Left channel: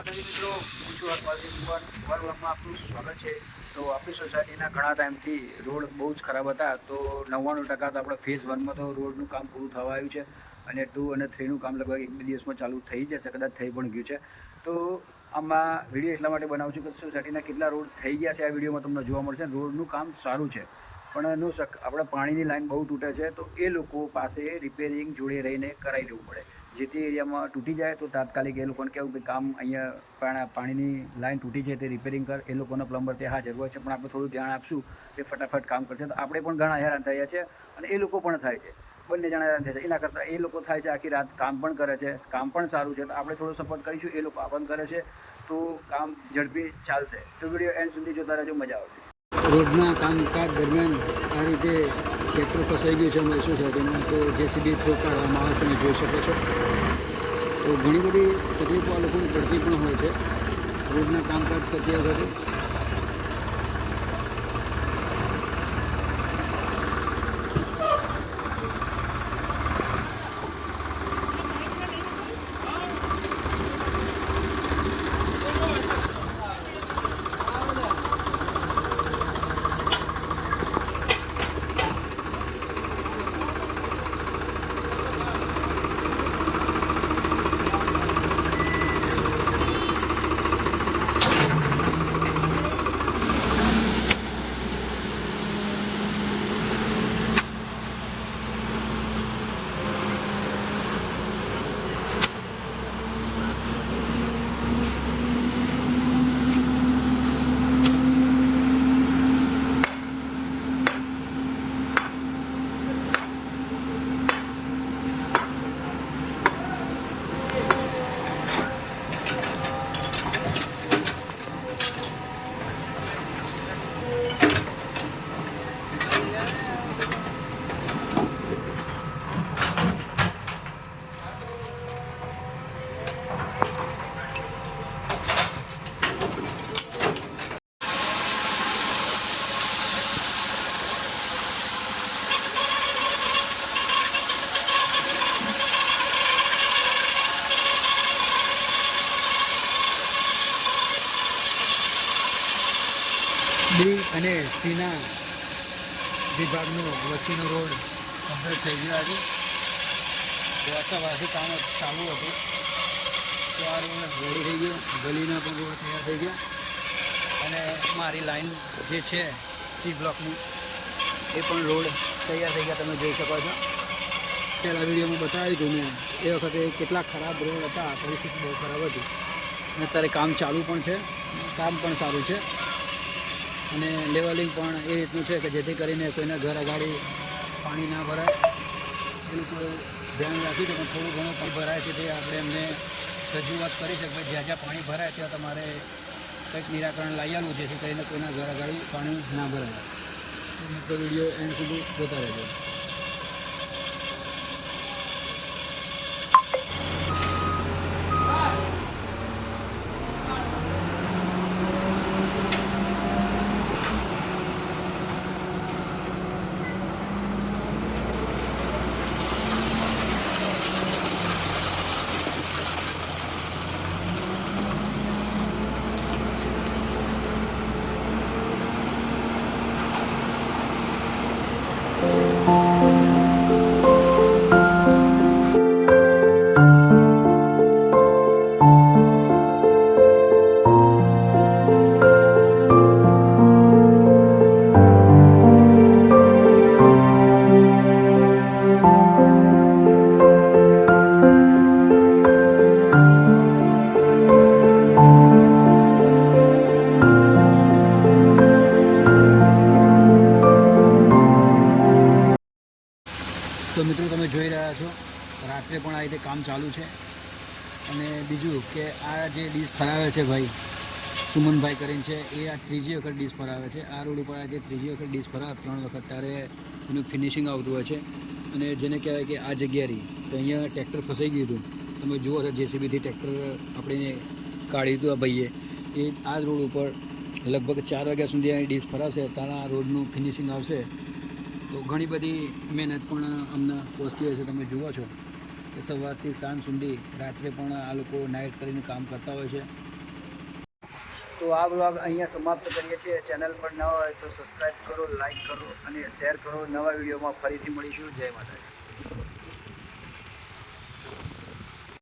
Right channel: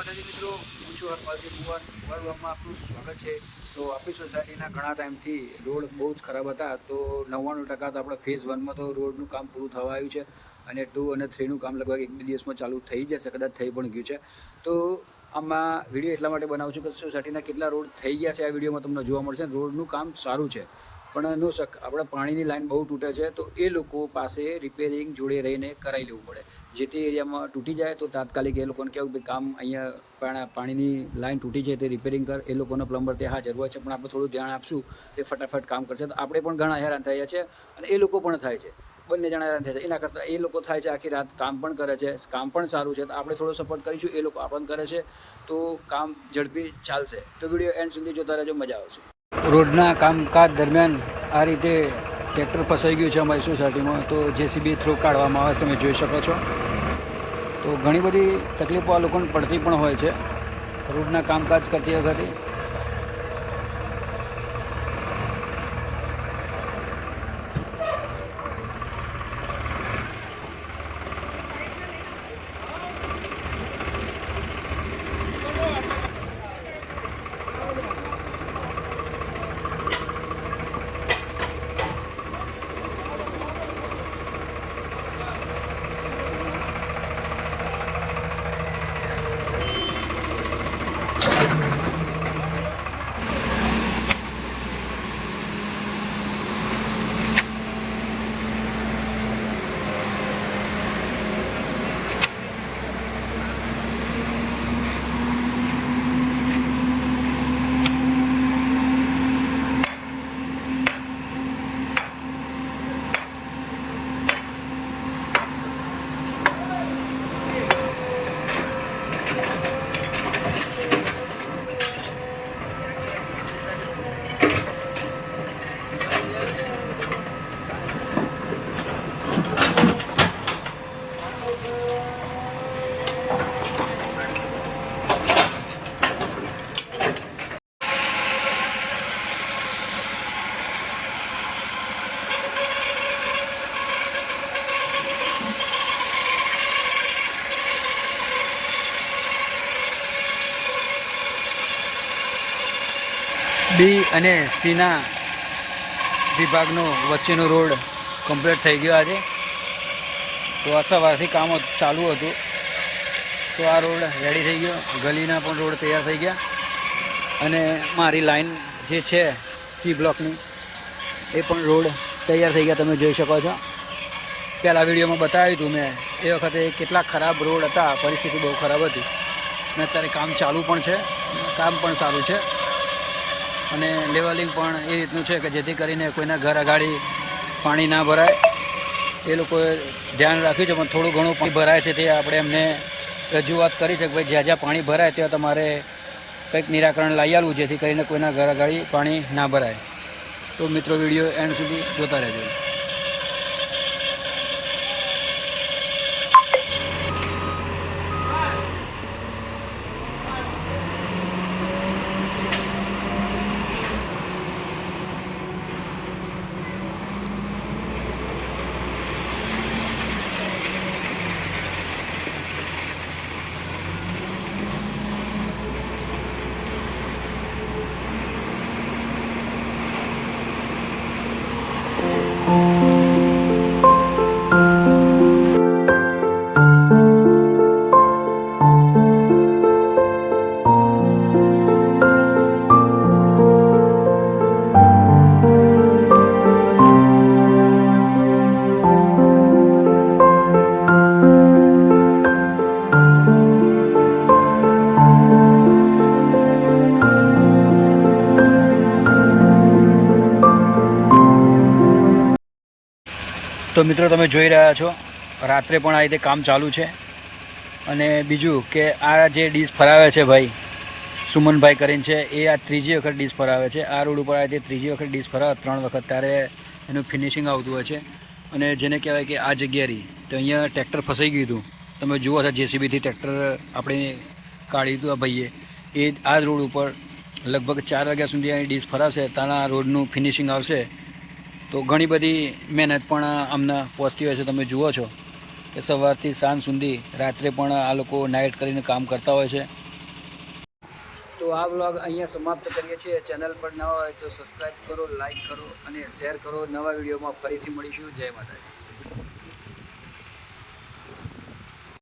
માતાજી મિત્રો, હું છું હરપાલસિંહ કુંવર. વર્લ્ડમાં આપનું સ્વાગત છે. તો આપણી સોસાયટીના ઘણા ટાઈમથી રોડ બહુ જ ખરાબ હતા. તો 99% તો આપણે ફેઝ 1માં તો રોડનું કામ પૂરું થવા આવ્યું છે અને 2 અને 3નું કામ લગભગ 1-2 દિવસમાં ચાલુ થઈ જશે, કદાચ થઈ પણ ગયું છે. તો આમાં વિડીયો એટલા માટે બનાવું છું કે સોસાયટીના કેટલા રોડ થઈ ગયા છે આ વિડીયોમાં તમને જોવા મળશે. રોડનું કામ સારું છે પણ એનું આપણે પાણીની લાઈન બહુ તૂટે છે, તો એ લોકો પાસે રિપેરિંગ જોડે રહીને કરાવી લેવું પડે. જે તે એરિયામાં તૂટી જાય તો તાત્કાલિક એ લોકોને કહેવું કે કામ અહીંયા પાણીની લાઈન તૂટી છે તે રિપેરિંગ કર. એ લોકોનો પ્લમ્બર ત્યાં હાજર હોય છે, પણ આપણે થોડું ધ્યાન આપશું તે ફટાફટ કામ કરશે. તો આપણે પણ ઘણા હેરાન થયા છે અને એ લોકો પણ થાય છે, બંને જણા હેરાન થાય છે. એના કરતાં એ લોકો થાય છે આખી રાત કામ પણ કરે છે, કામ પણ સારું છે, તો આપણે થોડો સપોર્ટ કરીશું. એ લોકો આપણને કરે છે તો કામ ઝડપી ચાલશે. તો વિડીયો એન્ડ સુધી જોતા રહેજો, મજા આવશે. રોડના કામકાજ દરમિયાન આ રીતે ટ્રેક્ટર ફસાઈ ગયું છે અમારી સોસાયટીમાં, તો જેસીબી થ્રુ કાઢવામાં આવે તમે જોઈ શકો છો. તો ઘણી બધી તકલીફો આ લોકોને પડતી પણ હોય છે રોડના કામકાજ કરતી વખતે. બી અને સીના વિભાગનો વચ્ચેનો રોડ કમ્પ્લીટ થઈ ગયો આજે. તો આ સવારથી કામ ચાલુ હતું, તો આ રોડ રેડી થઈ ગયો. ગલીના પણ રોડ તૈયાર થઈ ગયા અને મારી લાઈન જે છે સી બ્લોકની એ પણ રોડ તૈયાર થઈ ગયા, તમે જોઈ શકો છો. પહેલાં વિડીયોમાં બતાવ્યું હતું મેં, એ વખતે કેટલા ખરાબ રોડ હતા, પરિસ્થિતિ બહુ ખરાબ હતી. અને અત્યારે કામ ચાલુ પણ છે, કામ પણ સારું છે અને લેવલિંગ પણ એ રીતનું છે કે જેથી કરીને કોઈના ઘર અગાડી પાણી ના ભરાય. એ લોકોએ ધ્યાન રાખ્યું છે, પણ થોડું ઘણું પાણી ભરાય છે તે આપણે એમને રજૂઆત કરી છે કે ભાઈ જ્યાં જ્યાં પાણી ભરાય ત્યાં તમારે કંઈક નિરાકરણ લાવી આવવું, જેથી કરીને કોઈના ઘર અગાડી પાણી ના ભરાય. તો મિત્રો વિડીયો એન્ડ સુધી જોતા રહેજો. તો મિત્રો તમે જોઈ રહ્યા છો રાત્રે પણ આ રીતે કામ ચાલુ છે. અને બીજું કે આ જે ડીશ ફરાવે છે ભાઈ સુમનભાઈ કરીને છે, એ આ ત્રીજી વખત ડીશ ફરાવે છે. આ રોડ ઉપર આ રીતે ત્રીજી વખત ડીશ ફરાવે, 3 વખત, ત્યારે એનું ફિનિશિંગ આવતું હોય છે. અને જેને કહેવાય કે આ જગ્યા રહી તો અહીંયા ટ્રેક્ટર ફસાઈ ગયું હતું. તમે જુઓ છો જેસીબીથી ટ્રેક્ટર આપણે કાઢ્યું હતું આ ભાઈએ. એ આ જ રોડ ઉપર લગભગ 4 વાગ્યા સુધી અહીં ડીશ ફરાશે, તાના રોડનું ફિનિશિંગ આવશે. તો ઘણી બધી મહેનત પણ અમને પહોંચતી હોય છે. તમે જુઓ છો કે સવારથી સાંજ સુધી રાત્રે પણ આ લોકો નાઇટ કરીને કામ કરતા હોય છે. તો આ વ્લોગ અહીંયા સમાપ્ત કરીએ છીએ. ચેનલ પર ન હોય તો સબસ્ક્રાઈબ કરો, લાઈક કરો અને શેર કરો. નવા વિડીયોમાં ફરીથી મળીશું. જય માતાજી.